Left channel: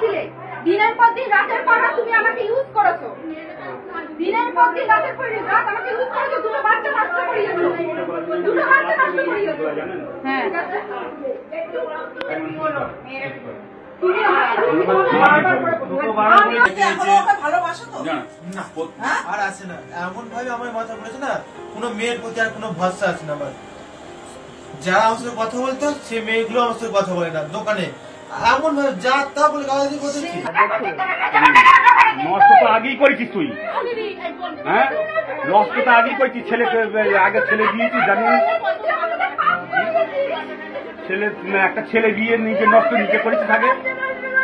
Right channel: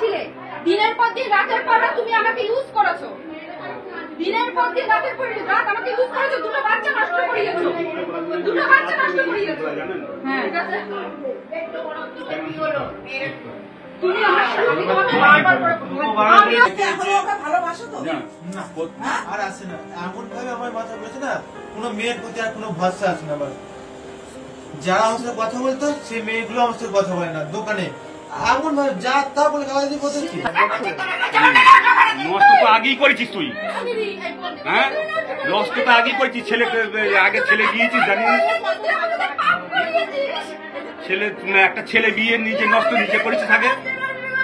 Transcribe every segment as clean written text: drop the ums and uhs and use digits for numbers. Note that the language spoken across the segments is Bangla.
ছিলে, দিনের পর দিন রাতের পর রাত তুমি আমাকে ইউজ করেছো, দিনের পর দিন রাতের পর রাত আমাকে ইউজ করেছো, দুটো বাচ্চা নষ্ট করিয়েছো, দুটো বাচ্চা নষ্ট করিয়েছো। হ্যাঁ তুমি আমার ভালোবাসো তো না আর আসে না, এমন ভাবে আমার মাথা বলেছে না, কোনো মেয়ের প্রতি আর কোনো ভরসা আসে না। আমার যারা আমার সাথে কথা বলতো সেই মেয়েগুলো আমার সাথে কথা বলে না, দোকানে এমন ভাবে যা তা বলে গালাগালি করতে। নষ্ট তো আগেই করেছিস তুই, হ্যাঁ নষ্ট তো আগেই করেছিস। ছেলে আগে ছেলে গিয়েছিস জানিস, ছেলে একটা ছেলে বিয়ে নিজে নষ্ট নিজে করেছিস আগে,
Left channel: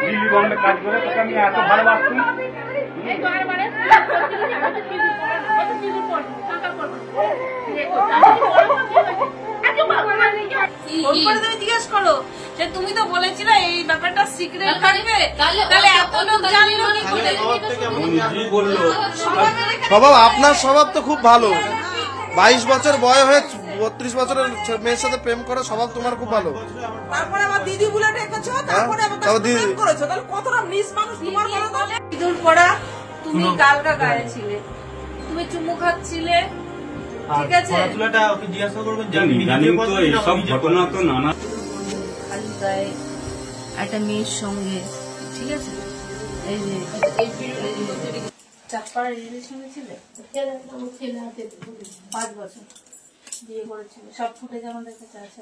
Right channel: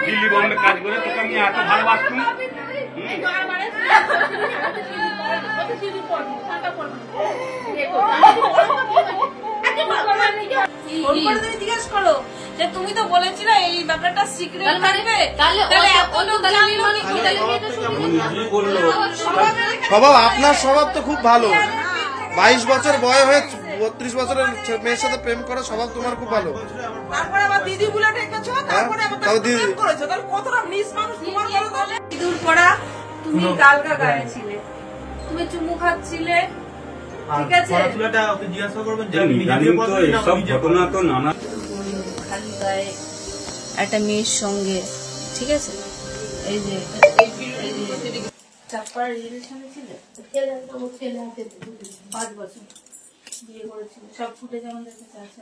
দিল্লি বম্বে কাজ করে তোকে আমি এত ভালোবাসতাম। জিজ্ঞেস করো যে তুমি তো বলেছিলে এই ব্যাপারটা সিক্রেট থাকবে, তাহলে এত লোক জানলো স্বভাব আপনার স্বভাব তো খুব ভালো, 22 বছর বয়স হয়ে 32 বছরের মেয়ের সাথে প্রেম করা স্বভাব তোমার খুব ভালো। ইঁদুর পড়া তুমি গালগা গায়ে ছিলে, তুমি চুমু খাচ্ছিলে, ঠিক আছে খালি গায়ে একটা মেয়ের সঙ্গে, ঠিক আছে এই যে চাপ্পার রিলেশনে ছিলে 5 বছর বিয়ে করেছিল, সব ফুটেজ আমাদের কাছে আছে,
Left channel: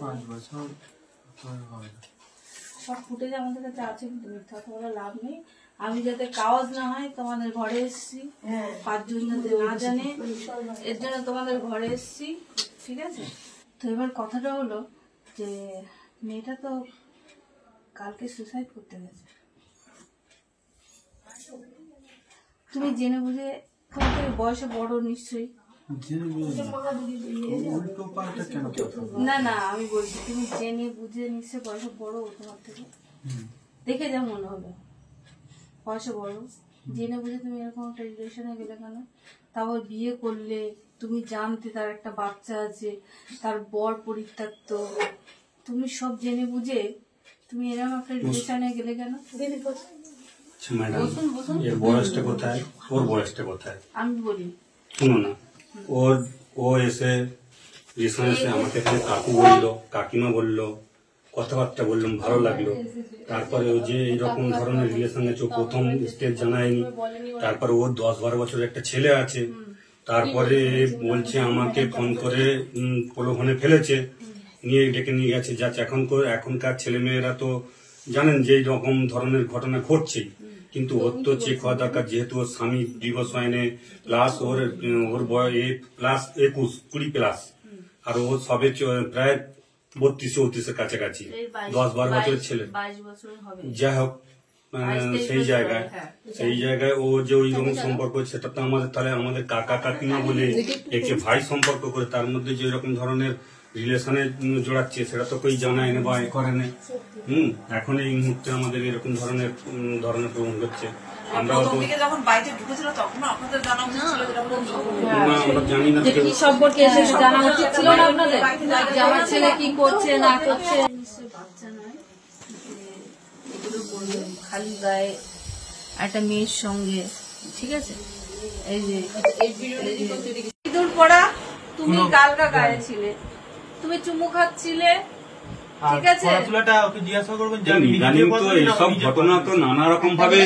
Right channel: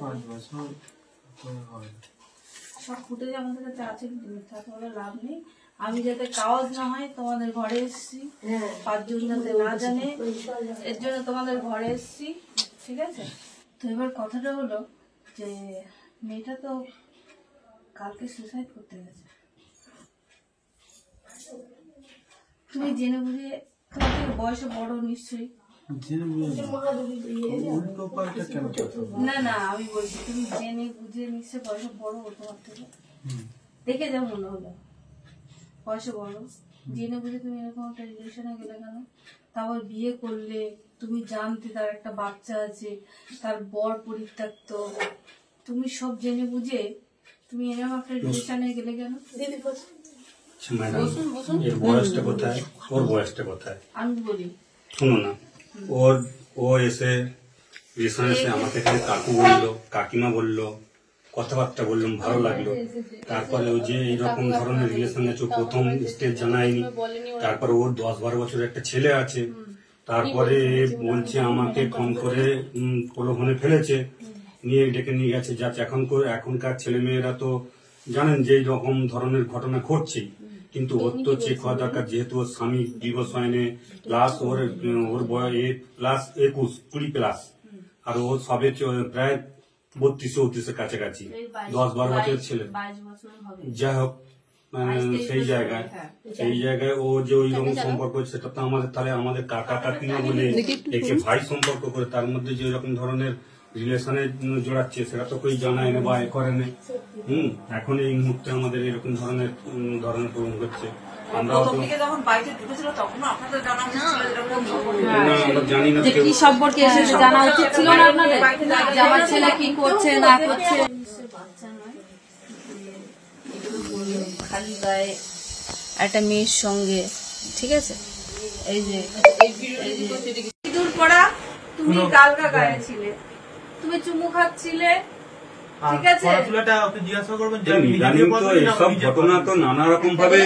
সব ফুটেজ আমাদের কাছে আছে, কিন্তু মিথ্যা কথা লাভ নেই। আমি যাতে কাজ না হয় তোমাদের ঘরে এসছি, 5 জন যাতে না জানে, এর জন্য তোমাদের ঘরে এসছি, ঠিক আছে। তো এবার কথাটা হলো যে মেয়েটা তো কালকে সুসাইড করতে গেছে, তুমি জেনে বুঝে, তোমার থেকে বয়সে বড় নিশ্চয়ই, না না আমি বলছি তুমি জেনে বুঝে নিশ্চয় বয়সে বড়, তোমার থেকে দেখে যা মনে হলো বয়সে বড়, জেনে বুঝে তুমি এরকম একটা রিলেশনে গেলে কেন? তারপর বিয়ে করলে তুমি জানতে তার একটা বাচ্চা আছে, তার বর পরিত্যক্ত, তুমি সব জেনে বুঝে তুমি এরকম একটা রিলেশনে গেলে কেন? ম্যাডাম এর বয়সটা কোথায়, ওর বয়সটা কোথায় আমি বলি শুনো না, ও এসে রিলেশন এসে আমাকে কাকু বললো, কাকিমা বললো, কথাবার্তা বললাম, ভালো লাগলো। তারপরে ও যে এইরকম ধরনের রিলেশন আছে প্রথম স্টেজ জানায়নি, তারপরে ওর 10-12 বছরের একটা ছেলে আছে, তারপরে বলছে আমাকে ফোন করে প্রলোভনে ফেলেছে, নিয়ে ডেকে নিয়ে গেছে, যাচ্ছে এখনকার ছেলে মেয়েরা তো জানেন যে এইরকম ধরনের ঘটনা ঘটছে, কিন্তু ওর তো চেক হওয়া দরকার, যেহেতু ওর স্বামী ডিভোর্স হয়নি, প্লাস ওর বয়স প্লাস 21-20 আর ও সবে প্রায় 32-34 কাছাকাছি, 10-12 বছরের ছেলে, যাই হোক সেই জায়গায় ও যে ওই রকম সম্পর্ক, সেটা তো আমাদের তাহলে আমাদের কাকা কাকিমা বলে একে ভাই সম্পর্ক করে তার মধ্যে যে এরকম ধরনের রিলেশনে জোড়াচ্ছে, সেটা তো কেউ জানায় না বা এ করে না। এখন এই মুহূর্তে আমাদের এরকম ধরনের প্রবণ হচ্ছে, আমরা জানি না কি সম্পর্কে জানা উচিত ছিল না আপনাদের, আমার ছেলে কি করছে না করছে, বাচ্চা নয় এগুলো বললো খালি গায়ে একটা মেয়ের সঙ্গে, ঠিক আছে এই যে ইঁদুর পড়া তুমি গালগা গায়ে ছিলে, তুমি চুমু খাচ্ছিলে, ঠিক আছে সব ঘটনা তো নানা রকম ভাবে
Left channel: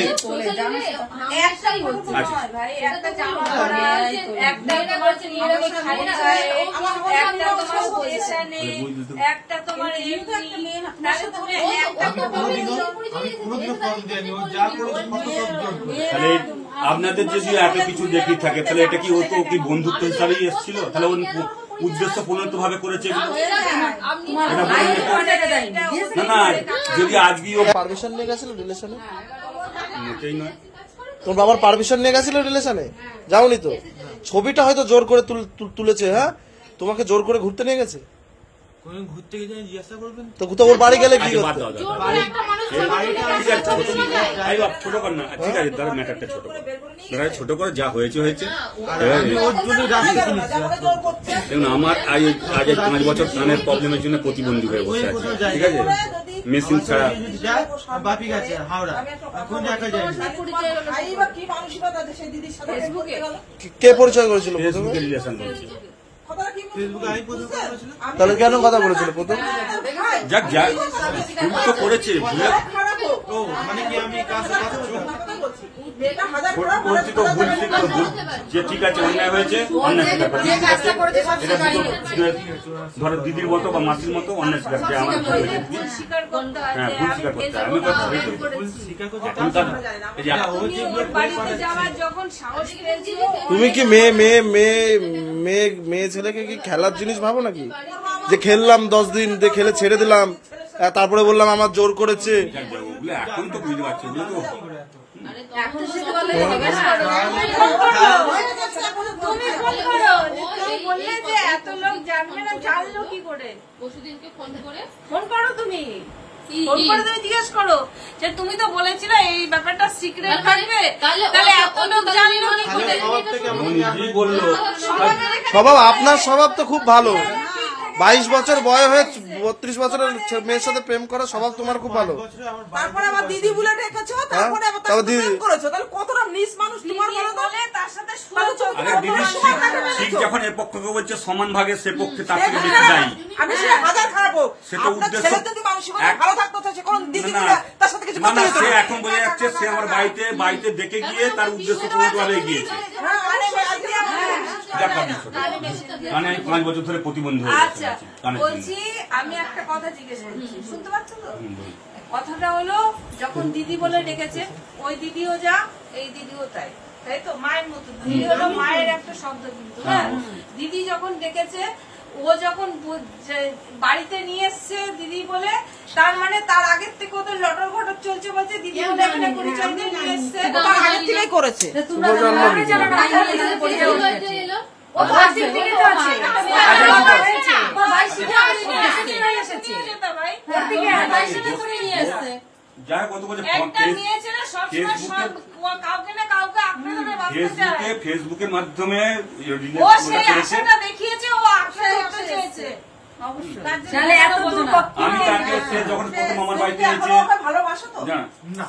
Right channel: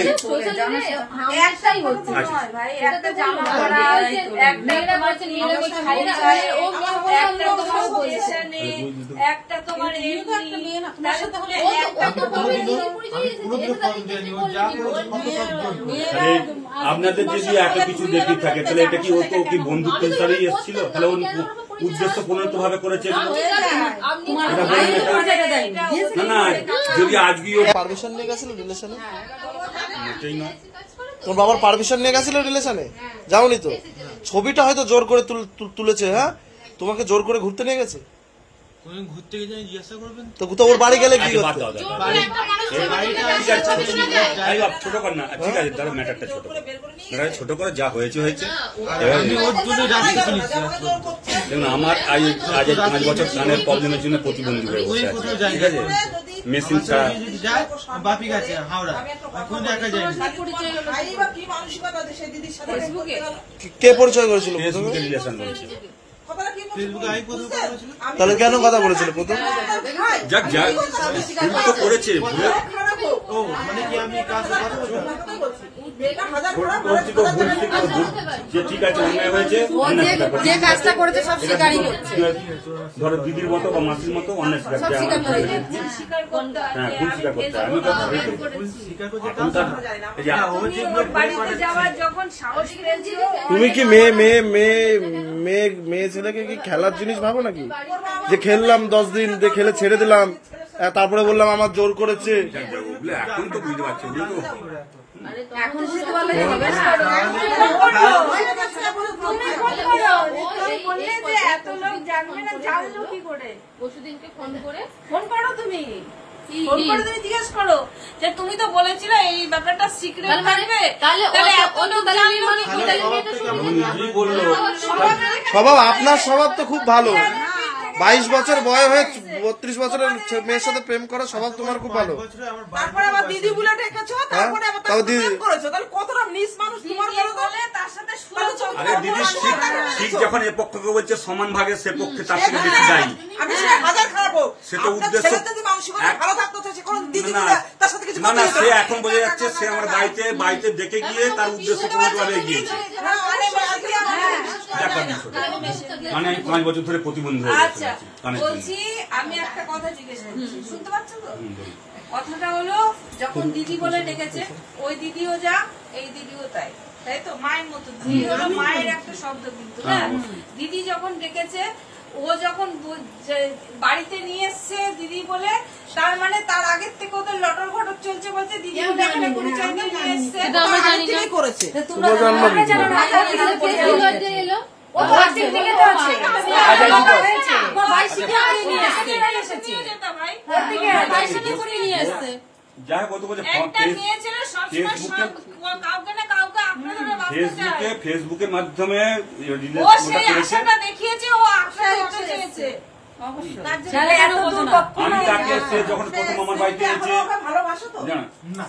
একটাই হচ্ছে ভাই, একটা জামা পরা, একটা তোমার পয়সা নেই, একটা তোমার আপনাদের যদি এত কিছু দেখি থাকে, তাহলে এটা কি ও তো কি বন্ধুত্ব হিসাবেই এসেছিল, তাহলে ওর উদ্দেশ্য প্রণীত ভাবে করেছে এটা বলেন না। না যদি আজকে ও পারমিশন নিয়ে গেছিল রিলেশনে, মোটেই না, তোর বাবার পারমিশন নিয়ে গেছিল রিলেশনে, যাওনি তো? ছবিটা হয়তো জোর করে তুলেছে, হ্যাঁ তোমাকে জোর করে ঘুরতে নিয়ে গেছে, কোন ঘুরতে গিয়ে জিজ্ঞাসা করবেন তো ওর বাড়ি গেলে কি হচ্ছে? ছোট কর না, ঠিক আছে, ধরো ম্যাটারটা ছোট কর, ছোট করে যা হয়েছে হয়েছে। আমি ওর জন্য রাস্তা চিনিছি। দেখুন, আমার আজ 5 বছর কানের প্রবলেমের জন্য প্রতিবন্ধী হয়ে বসে আছে, ঠিক আছে, মেশিন ছাড়া। যদি যায় বাপি গেছে হাওড়া, কোন জায়গায় যায়নি। কে পরিচয় করেছিল প্রথমে? ফেসবুকে রিলেশন করেছিল। ফেসবুকে আমি প্রথম কথা বলেছিলাম। তাহলে কেন কথা বলেছিল প্রথম? যাক যাই ভুল তো করেছে, ভুলে ও মানে কি আমি কার সাথে কথা বলতাম? করছি তো ভুল শিখতো, ভুল যে ঠিক আছে অন্যায় হয়েছে, অন্যায় স্বীকার করতে হবে। ধরো দিদির মতো বা মাসির মতো অন্যায় স্বীকার করতে আমার ভুল স্বীকার করতে আছে। হ্যাঁ, ভুল স্বীকার করতে হবে। আমি কথা বলছি ভুল স্বীকার করতে এখন তার এই যে তুমি ওর বাড়িতে যাওয়ার যখন সাহস পেয়েছিল, তুমি কি মেয়ে ছেলেকে কি খেলার জিনিস ভাবো নাকি? যে খেললাম 10 দিন, যে খেলে ছেড়ে দিলাম, তারপরে বললাম আমার জোর করেছে। ওগুলো এখন তো বুঝতে পারছি, ওগুলো তো এখন সে বলে তুমি ফোন করো, তুমি বললে যে এত লোক জানবে না, জানলো কি করে? পরশুদিনকে ফোন করে ফোন করো, তুমি ফোন করে তুমি জিজ্ঞেস করো যে তুমি তো বলেছিলে এই ব্যাপারটা সিক্রেট থাকবে, তাহলে এত লোক জানলো কি করে? কি বললো। স্বভাব, আপনার স্বভাব তো খুব ভালো। 22 বছর বয়স হয়ে 32 বছরের মেয়ের সাথে প্রেম করা স্বভাব তোমার খুব ভালো। তারপরে আবার দিদি বলে ডেকেছো, তারপরে আবার তাও দিদি প্রেম করেছো, তাহলে কতটা নিস মানুষ তোমার বিয়ে বলে তার সাথে শুয়েছো। আরে দিদি ঠিক যখন এ পক্ষকে বলছে সমান ভাগে, সে পক্ষে তার থেকে বেশি দায়ী। আমি সে হাজার খারাপো সেটা উদ্দেশ্য যদি মানসিকতা ভালো থাকতো সে কোন দিদি না, বলে তার সাথে কিছু না না, সে এখন বোঝা যাচ্ছে সে আমার বাড়িতে দেখে গিয়ে তার উদ্দেশ্য পূরণ করে গিয়েছে। ব্যাপার না ছোট। মানে আমি 5 বছর ধরে প্রতিবন্ধী হয়ে গেছে আচ্ছা, কানের জন্য। বলছি আমি একটা কথা জিজ্ঞেস করছি, শুনতে পাচ্ছ তো? কথাটা হলো যখন দিদি বলে ডেকেছে, ওই দিদিও যা এই দিদিও তাই, তাই তো? মায়ের মতো দিদি হলো মায়ের একটা শব্দ, কিন্তু হ্যাঁ, দিদি যখন ডেকেছে, ও যখন বাড়িতে নিয়ে এসছে দিদি বলে, তার মানে তার আগের থেকে ওদের লটর ঘটর চলছে, বলছে দিদি বলে একটা পরিচয় দিয়ে নিয়ে এসছে। থেকেই করেছে। শুভ জন্মদিন। এলো ও তো আজকের থেকে তো আছে। আমার ভাই শুধু এসেছে ভাই, ওর থেকে আদাইশটা করে নিয়ে আসছে। যা কত বলে একটা নিয়েছিল, সবসময় কাউকে না কাউকে আঁকড়ে ধরে বাঁচতে চায়। ফেসবুকের মাধ্যমে ও রিলেশনটা সেই করেছে। আশাটা দেখিয়েছে, ও আঁকড়ে ধরতে চেয়েছে। তাহলে এত দূর আমি তাকে সে যখন প্রথম আমার বাড়িতে এসেছে ভালোবাসো তো? না না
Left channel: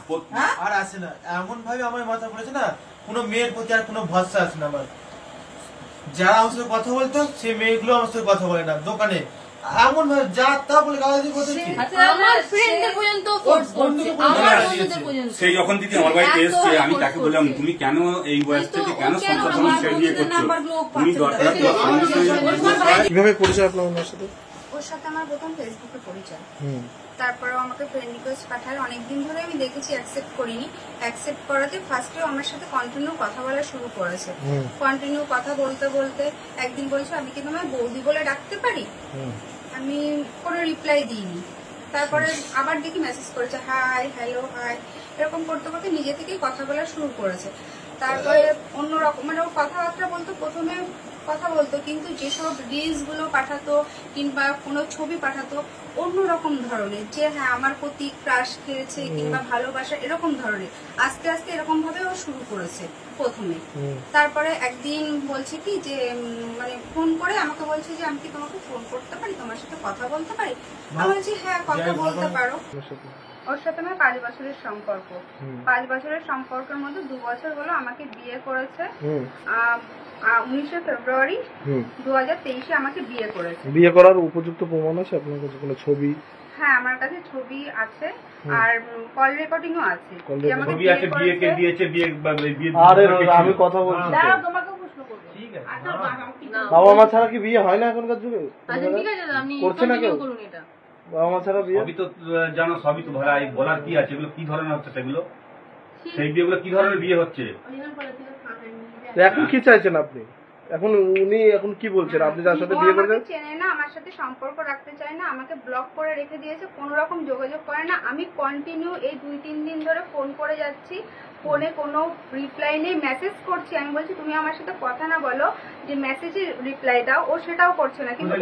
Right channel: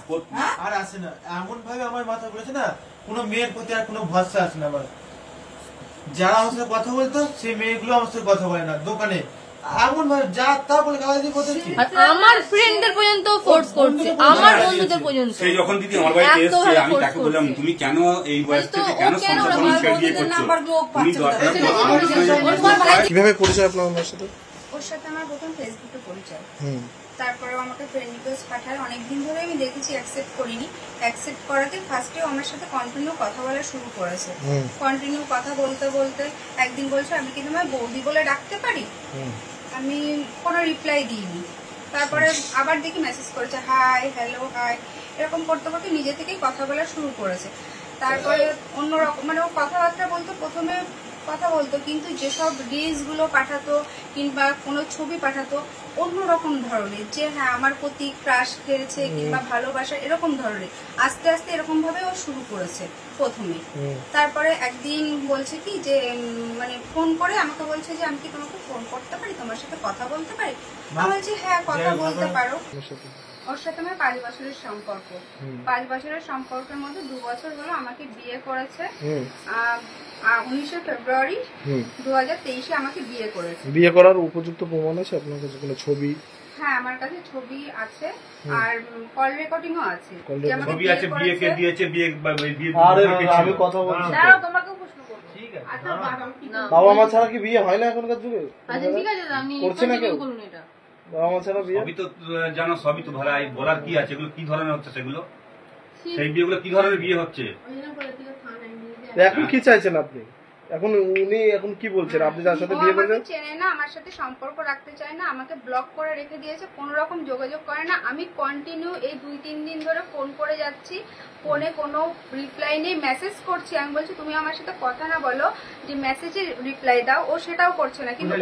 আর আসে না, এমন ভাবে আমার মাথা পড়েছে না, কোনো মেয়ের প্রতি আর কোনো ভরসা আছে না আমার। যারা আমার সাথে কথা বলতো সেই মেয়েগুলো আমার সাথে কথা বলে না, দোকানে এমন ভাবে যা তা বলে গালাগালি করতে। আমার ফ্রেন্ডদের পর্যন্ত ফোর্স করছে, আমার বন্ধুদের পর্যন্ত। সেই যখন দিদি আমার বাড়িতে এসছে, আমি তাকে বললাম তুমি কেন এই বয়স থেকে কেন সংসার সঙ্গে ছেড়ে দিয়ে করছো, তুমি দরকার কিভাবে পরিচয় আপনার ওনার সাথে? ওর সাথে আমার প্রথম ফেসবুকে পরিচয়, তারপরেও আমাকে ফ্রেন্ড রিকোয়েস্ট পাঠায়। অনেকদিন ধরে আমি দেখেছি, অ্যাকসেপ্ট করিনি। অ্যাকসেপ্ট করাতে ফার্স্টেও আমার সাথে কন্টিনিউ কথা বলা শুরু করেছে। কন্টিনিউ কথা বলতে বলতে একদিন বলছে আমি কি তোমায় বৌদি বলে ডাকতে পারি? আমি কোনো রিপ্লাই দিইনি। তারপরে আবার দেখি মেসেজ করেছে, হাই, হ্যালো, হাই, এরকম করতে করতে নিজে থেকেই কথা বলা শুরু করেছে। তারপরে অন্যরকম মানে ও কথাবার্তা বলতো, প্রথমে কথা বলতো, কিন্তু যেসব রিলস গুলো পাঠাতো কিংবা কোনো ছবি পাঠাতো অন্যরকম ধরনের, যে হ্যাঁ আমার প্রতি ক্রাশ খেয়েছে কিংবা ভালোবাসা, এরকম ধরনের। আস্তে আস্তে এরকম ভাবে ও শুরু করেছে প্রথমে। তারপরে একদিন বলছে কি যে মানে ফোন করে আমাকে বলছে যে আমি কি তোমাকে ফোন করতে পারি, তোমার সাথে কথা বলতে পারি? আমি বলছি হ্যাঁ, কথা বলতে পারো। ওর সাথে আমার 5 বছরের সম্পর্ক। 5 বছরের সম্পর্কের মধ্যে 2 বছর হলো আমাকে বিয়ে করেছে। 19 ফেব্রুয়ারি 2023 আমাকে বিয়ে করেছে। বিয়ে করার উপযুক্ত প্রমাণ আছে আপনার কাছে? কোনো ছবি? হ্যাঁ, আমার কাছে ছবি আছে আর কল রেকর্ডিংও আছে। যে আমাকে ছবি বিয়ে আছে, করেছে। বিয়েকে দিয়েছে, বিয়ে আরে আমি কথা বলছি তো। দাঁড়াও, তোমাকেও প্রশ্ন করবো। ঠিক আছে। বাবা মা ছাড়া কি বিয়ে হয় না এখনকার যুগে? আচ্ছা ঠিক আছে, আপনি করছে না কেউ? করুন এটা। বাবা মা ছাড়া বিয়ে? সবই তো জানো, সবই তো ভাড়া। বলার কি আছে, এগুলো কি ধরনের হচ্ছে, সেগুলো সেই বিয়েগুলো কি ধরনের বিয়ে হচ্ছে? তো এখন কি চাইছেন আপনি? এখন উনি এখন কি বলছেন, আপনি যার সাথে ও বিয়ে আমাকে করেছেন? চেনে না, আমার সাথে সম্পর্ক রাখতে চায় না, আমাকে ব্লক করে রেখে দিয়েছে, কোনো রকম যোগাযোগ করে না। আমি কন্টিনিউ এই 2-3 দিন ধরে ফোন করে যাচ্ছি, ফোনে কোনো রিপ্লাই নেই, মেসেজ করছি, আমি বলছি তুমি আমার সাথে কথা না বলো, যে মেসেজে রিপ্লাই দাও, ও সেটাও করছে না, কিন্তু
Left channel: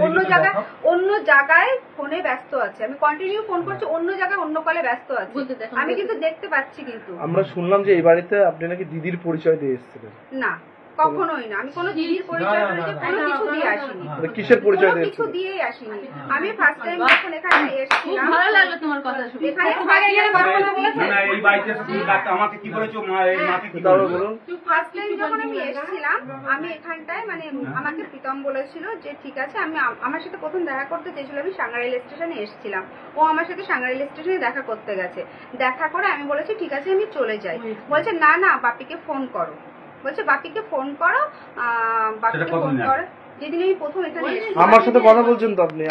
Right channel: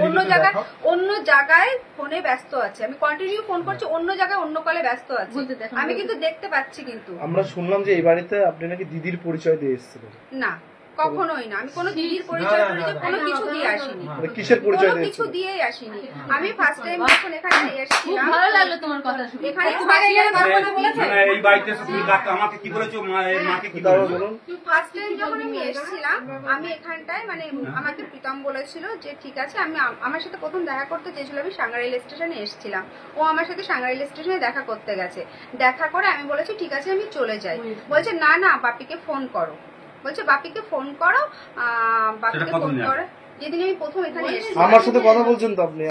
অন্য জায়গায় ফোনে ব্যস্ত আছে। আমি কন্টিনিউ ফোন করছি, অন্য জায়গায় অন্য কলে ব্যস্ত আছে, আমি কিন্তু দেখতে পাচ্ছি। কিন্তু আমরা শুনলাম যে এই বাড়িতে আপনি নাকি দিদির পরিচয় দিয়ে এসেছিলেন। না, কখনোই না, আমি কোনো দিদির পরিচয় কোনো কিছু দিয়ে আসিনি, কিসের পরিচয় কোনো কিছু দিয়েই আসিনি। আমি ফার্স্ট টাইম যখন এখানে এসেছিলাম, ভালো লাগলো তোমার কথা শুনে। এখানে ফার্স্ট টাইম যখন আমি এই বাড়িতে এসে তুমি আমাকে কি বলেছো, মাকে কি তারপর বলুন। ফার্স্ট টাইম যখন আমি এসেছিলাম, আমি এখানটায় মানে আমাকে প্রীতম বলেছিল যে ঠিক আছে, আমি আমার সাথে প্রথম দেখা করতে চেয়েছিল, আমি সাঙ্গা রেল স্টেশনে এসেছিলাম, ও আমার সাথে সাঙ্গা রেল স্টেশনে দেখা করতে গেছে। দেখা করে আমি বলেছি ঠিক আছে আমি চলে যাই, বলছে না না বাপিকে ফোন করো, বলছে বাপিকে ফোন করো, বাপিকে ফোন করে যেদিন আমি প্রথম এখানে এসেছি। আমার সাথে কথা বলছেন তো আপনি,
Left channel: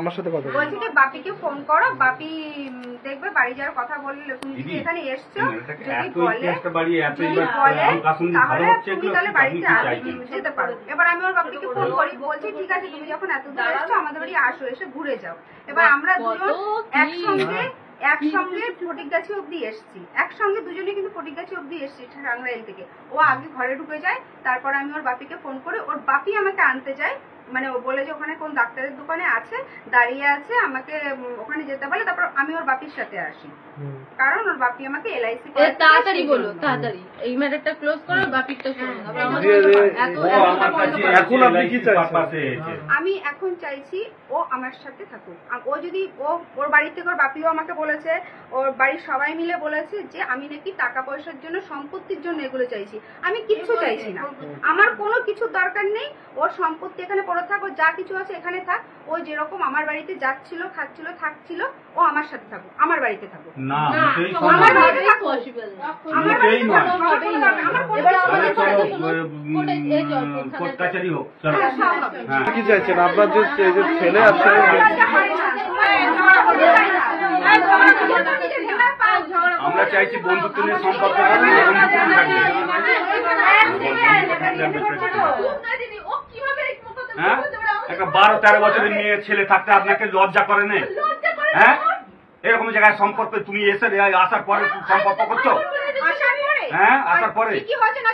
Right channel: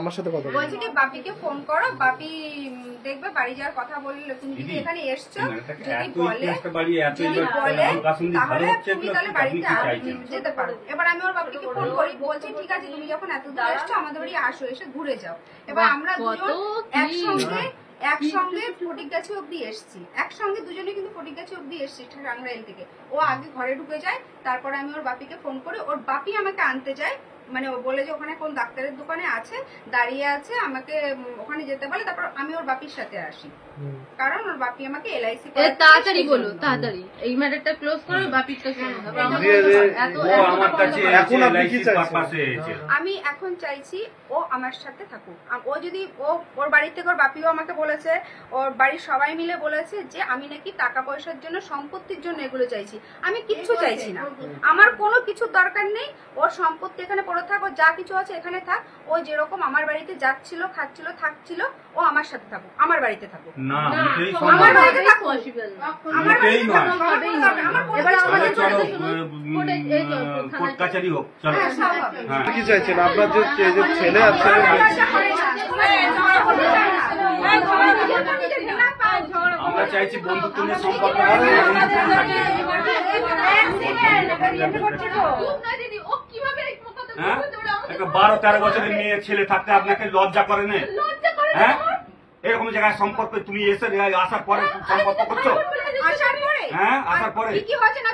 আমার সাথে কথা বলছেন। বলছি যে বাপিকে ফোন করো, বাপি দেখবে বাড়ি যাওয়ার কথা বললে, তুমি যদি এখানে এসছো, যদি বলে তাহলে তুমি তাহলে বাড়িতে যেতে পারো। এবার আমি ওর বাপিকে ফোন করি, বলছি ঠিক আছে তুমি যখন এত দূর এসছো আমাদের বাড়ি আসো, এসে ঘুরে যাও। এবার আমরা দুজন একসঙ্গে ফটিকগাছি অব্দি এসছি, একসঙ্গে দুজনে কিন্তু ফটিকগাছি অব্দি এসছি টাঙ্গাইল থেকে। ও আগে ঘরে ঢুকে যায়, তারপর আমি ওর বাপিকে ফোন করি, ওর বাপি আমাকে আনতে যায়, মানে ও বলে যে ওখানে কোন ডাক্তারের দোকানে আছে, দাঁড়িয়ে আছে, আমাকে ওখানে যেতে বলে, তারপর আমি ওর বাপির সাথে আসি, কারণ ওর বাপি আমাকে এলআইসি তাড়াতাড়ি বলো, তাড়াতাড়ি এই ম্যাটারটা ক্লোজ করো, বাপিটা করো। এখন আপনি কি চাইছেন? আমি এখন চাইছি ও আমার সাথে থাকুক। ও যদি ওর বাড়ি থেকে ওর বাপিও আমাকে বলেছে, ওর বাড়ির সবাই মিলে বলেছে যে আমি নাকি টাকা পয়সার জন্য, সম্পত্তির জন্য এগুলো চাইছি। আমি কিচ্ছু চাইছি না, আমার কোনো কিছুর দরকার নেই। ওর সম্পত্তি এখানে পড়ে থাক, ও যা কিছু আছে এখানে থাক, ও যেরকম আমার বাড়িতে যাচ্ছিল, খাচ্ছিল, থাকছিল, ও আমার সাথে থাকুক, আমার বাড়িতে থাকুক, আমার বাড়িতে থাকুক, আমার বাড়িতে থাকুক। এবার কোর্ট কাছারি হোক, চলো। কি চাইছেন আপনার যে ছেলে আছে? আমরা চাইছি বন্ধুত্ব নিয়ে সম্পর্ক হ্যাঁ, একটা 12-13 বছরের মেয়ে ছেলে থাকতে আপনাকে লজ্জা করে না? হ্যাঁ, এরকম জায়গায় সম্পর্ক তুমি এসে আসার পরে সম্পর্ক করছো? হ্যাঁ, আসার পরে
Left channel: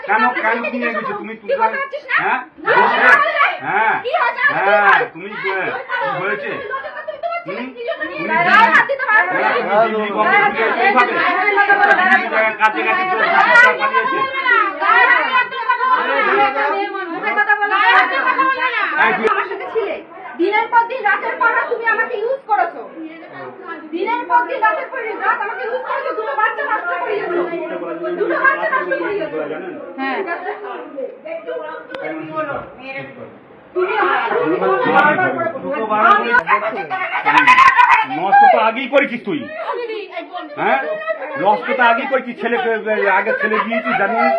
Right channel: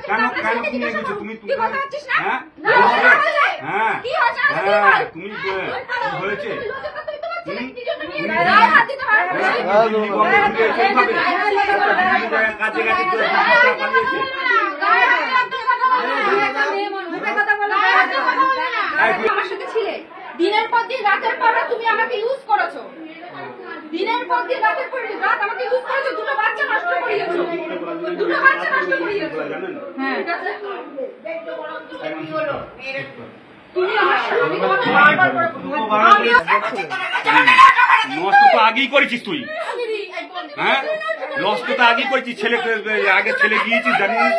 কেন তুমি এগেছো? তুমি হ্যাঁ হ্যাঁ হ্যাঁ তুমি হয়েছে কাছে কাছে পালিয়েছে। আমার সাথে ছিলে দিনের পর দিন, রাতের পর রাত তুমি আমাকে ইউজ করেছো, দিনের পর দিন, রাতের পর রাত আমাকে ইউজ করেছো, দুটো বাচ্চা নষ্ট করিয়েছো, দুটো বাচ্চা নষ্ট করিয়েছো। হ্যাঁ, নষ্ট তো আগেই করেছিস তুই, হ্যাঁ নষ্ট তো আগেই করেছিস, ছেলেকে আগে ছেলে দিয়েছিস জানিস,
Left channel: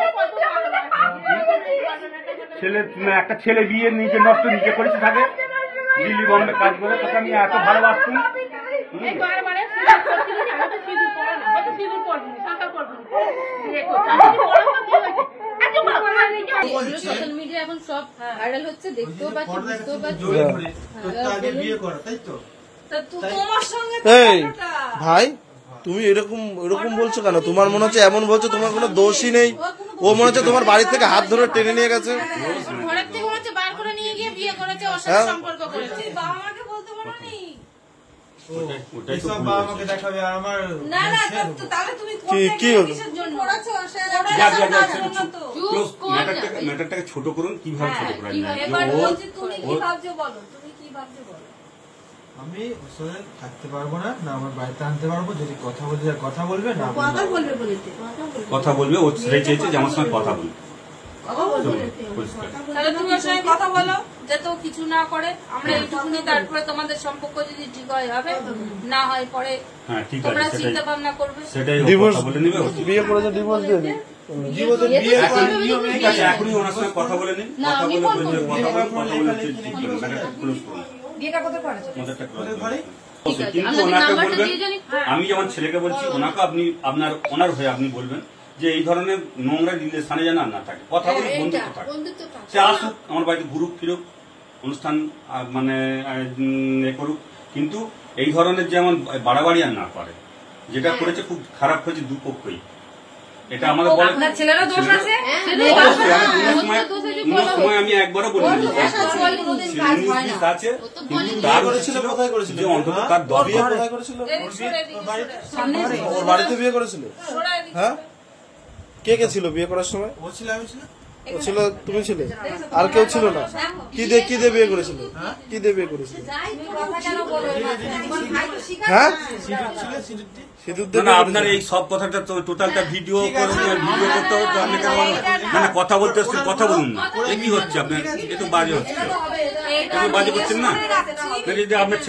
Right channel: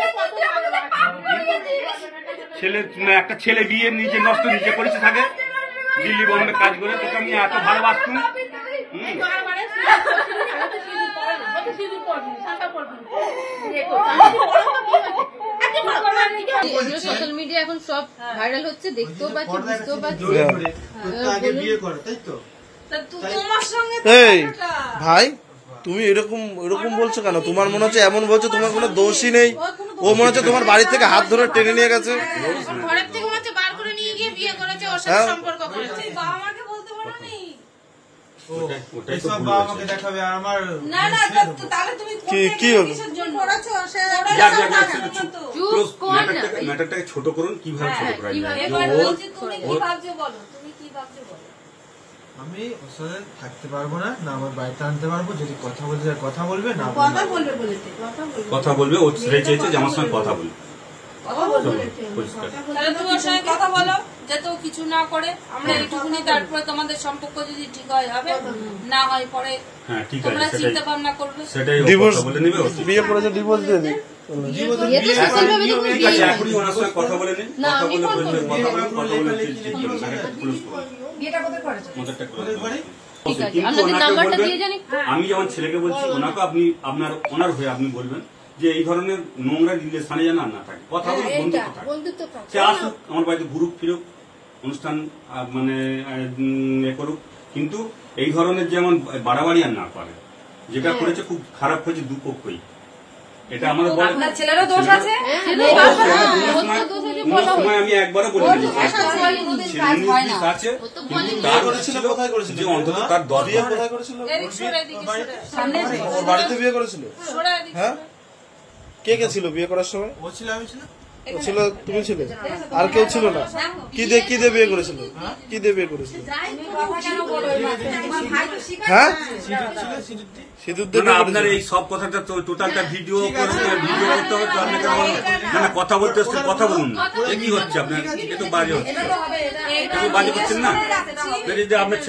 একটা ছেলে বিয়ে নিজে নষ্ট নিজে করেছিস আগে, দিল্লি বম্বে কাজ করে, তোকে আমি এত ভালোবাসতাম। সোশ্যাল মিডিয়া এখন সব ভাইরাল হচ্ছে, দেখতেও পাচ্ছি, বুঝতেও পাচ্ছি। বিয়ে করো তাই তো? এই ভাই, তুমি এরকম বলছো কেন? তোমার মনে হচ্ছে এমন বলছো তোমার কোনো দোষই নেই, ও মনে হচ্ছে তোমার বাড়ি থেকে হাত ধরে টেনে নিয়ে গেছে। ঘরের থেকে হচ্ছে বার করে নিয়ে গিয়ে বিয়ে করেছে, ওর সাথে সম্পর্ক করেছে। বাবা মাকে বলতে পারো নি? এসব বাবা আমাকে দেখাবে আমার। না না, তাহলে তুমি কি হলো? ম্যাটারটাকে ছোট করুন, কিভাবে ছোট করা যায়? এবার বলছি তুমি কি ভাবছো বলো, তুমি কি ভাবছো বলো। আমি ওর সাথে থাকতে পারবো না, না আমার বাড়িতে আনতে পারবো, যদি কথা বলতে চাই কথা বলবে, না কথা বলবে বলেছে, কথা বলবে, ও ছেড়ে চেয়েছে যে আমার সঙ্গে কথা বলবে। তাহলে তুমি ওর সঙ্গে কথা বলো, যাতে ও কিছু না করে, আমরা একটুখানি, তারপরে তোমাদের সম্পর্ক যদি ঠিক হয় হবে, না হয় পরে হ্যাঁ ঠিক আছে, তোমরা চিন্তা ভাবনা করবে। সেটাই ডিভোর্স বলে নিবে। বিয়ে করেছে, ডিভোর্স দিয়ে দিই। ঠিক আছে, এখনই ওনার সঙ্গে কথা বলে নিন, কিন্তু ওনাকে বলবেন, আমি যেমন ছেলেকে বলছি ওনাকে আপনি ওনার হয়ে আপনি বলবেন যে এই ধরনের নোংরা রিলেশনে যেন আর না থাকে, কথা বলে বন্ধুত্ব থাকে। সে আসুক আমার বাড়িতে ঘুরুক ফিরুক, অনুষ্ঠান মানে এ করুক, কিন্তু এই ধরনের যেমন বাড়াবাড়ি আর না করে। যেটা করেছে খুব খারাপ হয়েছে দুপক্ষই। এটা আমাদের বলে ছেলেরও দোষ আছে, সময় আমি একবারও বলি আছে, কিন্তু তার কোথায় করেছিল? যে অন্তত তার বিয়ে কোথায় করেছিল? ওর বাড়িতে বিয়ে করেছিল? হ্যাঁ, কে কে ছিল বিয়ে করার সময়? ও ছিল, আমি ছিল। ও ছিল, তুমি ছিলে, আর কেউ ছিল না? কি দিয়ে বিয়ে করেছিল? কি দিয়ে বিয়ে করেছিল? হ্যাঁ, সিঁদুর দিয়ে বিয়ে আপনার এই সব কথাটা তো টোটালটা ভিডিও ভিডিও করতে হবে, তো আপনি মানে কথা বলতে হচ্ছে, কথা বলুন না। এ কি হচ্ছে আপনার? এটা বাজে হচ্ছে, বাজে করছেন না। যদি আপনার